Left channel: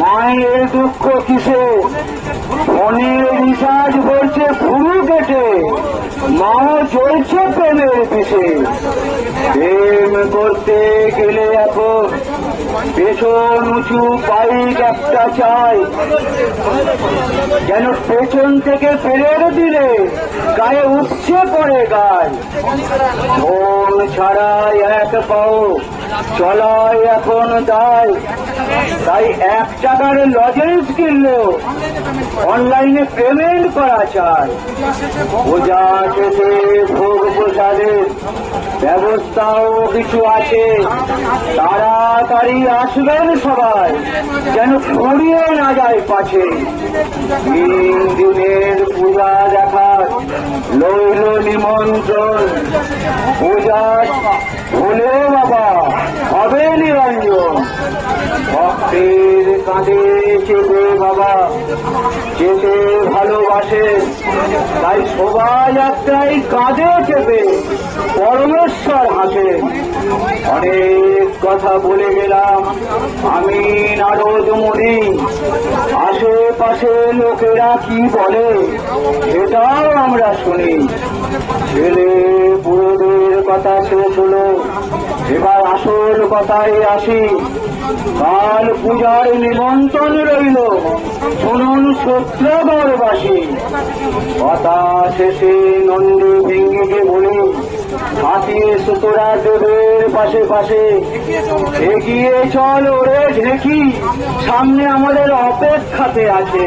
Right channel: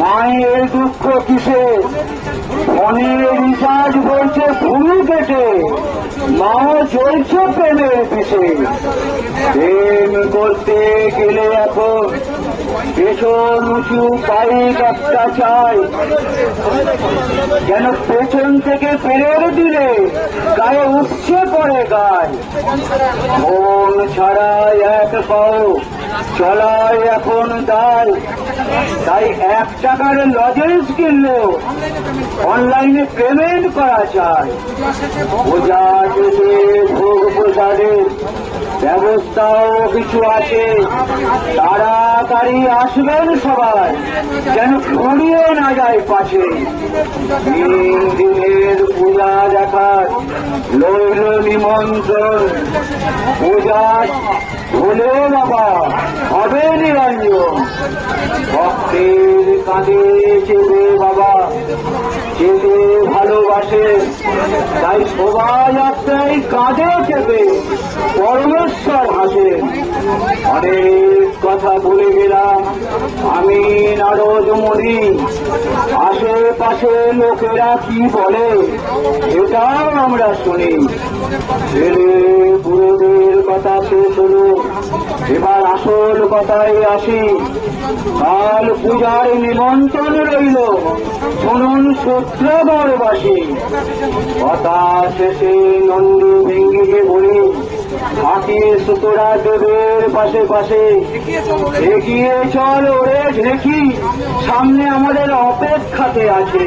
মায়ের দুঃখ কিসে, ফোনের রিচার্জ হয়েছে ভুরু কেটে, মাও চলছে প্রেমের পিছে। প্রেম করতে গেলে এখন পেছন উঁচু পাইক একটা চাই, যেন পেছন থেকে ফেরের দিলে গায়ে উঠছে করে গায়। মন ছাড়াই এক পাও চলায় এখন দায়, তাই এক টাকার লজেন্স কিনলো অনলাইনে পেমেন্ট করা চায়। পূজা থেকে ভোগ প্রসাদের ব্যবস্থাও কিছু আছে, তাড়াতাড়ি আসবেন সবাই যেন ছড়িয়ে না যায় পাশে। দিনের পূজা দেখার লৌল নিমন্ত্রণ, পূজা হলে বাবা হবে নিরঞ্জন। ভক্তের কাঁধে চেপে বাবা যেতে ভালোবাসে, তাই সবাই একটাই কাঁধে চেপে পরমেশ্বর হাসে। অনেক কথা বলে গেলাম আমি নারদ মুনি, আশেপাশে লোকেরা কি বলে সেটাও আমরা শুনি। ছেলে পুরোদের কথা শেষ হলো, এবার আসল কথায় আসি। কাল পূজার নিমন্ত্রণ রইল, শুনুন সূত্রধরবাসী। কথা শেষে নন্দী ভেঙ্গিকে বলে হাতিয়ে সুতরা দেবের পাশে পাশে এগিয়ে চল ওরে দেখি, সামনে আমাদের অপেক্ষাতে আছে।